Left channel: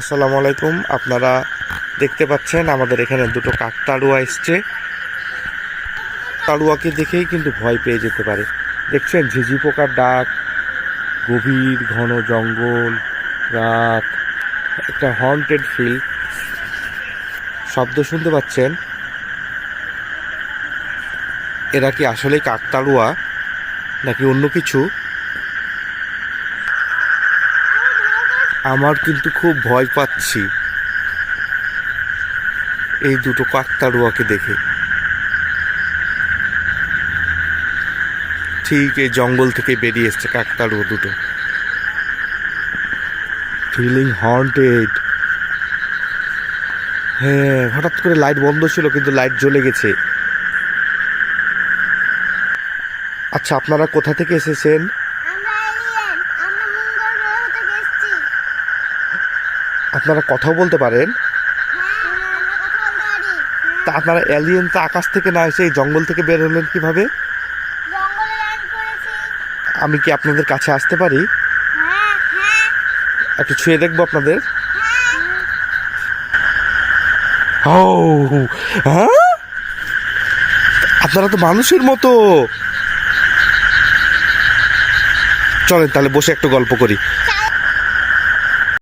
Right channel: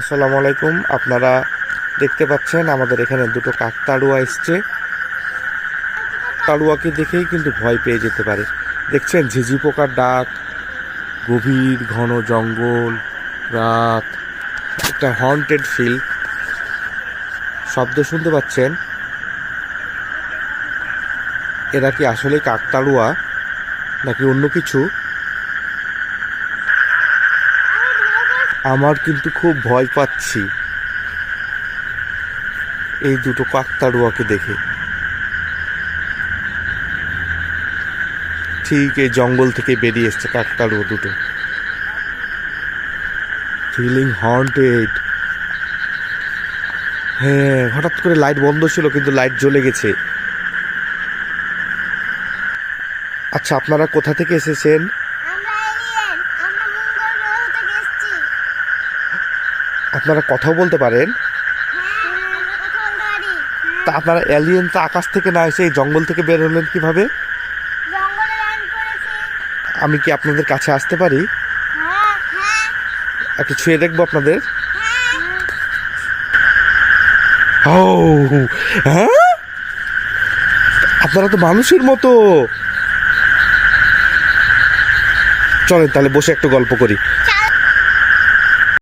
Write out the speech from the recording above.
আসসালামু আলাইকুম। আপনারা দেখতে পাচ্ছেন আমাদের এখানে দুটো কাকতাড়ুয়া এসছে। তাড়ুয়াকে দেখেই কিন্তু ভয় পেয়ে যেতে পারে। দেখছেন ঝিঝি পোকার ডাক, গভীর ঘন জঙ্গল, রাত, একটা হন্টেড ফিল। শব্দ শুনতে পাচ্ছেন। এরা কি আসলে কাকতাড়ুয়া নাকি অন্য কিছু? আমার কিন্তু খুব ভয় পাচ্ছি এই দুটো কাকতাড়ুয়াকে দেখে। ঠিক এই জঙ্গল থেকে বেরিয়ে এসছে কাকতাড়ুয়া দুটো। Feeling haunted. হ্যাঁ, হঠাৎ করে লাইট বন্ধ ছিল কিন্তু লাইট জ্বলে গেছে। আচ্ছা, আপনারা কোথা থেকে এসেছেন? আপনারা কথাও বলতে পারেন? তা আপনারা এলিয়েন তো আকাশ থেকে না এসে এই জঙ্গল থেকে বের হলেন কিভাবে? আমি কি আপনাদের কাছে আসতে পারি? একটু ছুঁয়ে দেখবো আপনাদের। ও হ্যাঁ, আপনারা তো মানুষের মতো। চলেন তাহলে বসে একটু গল্প করি।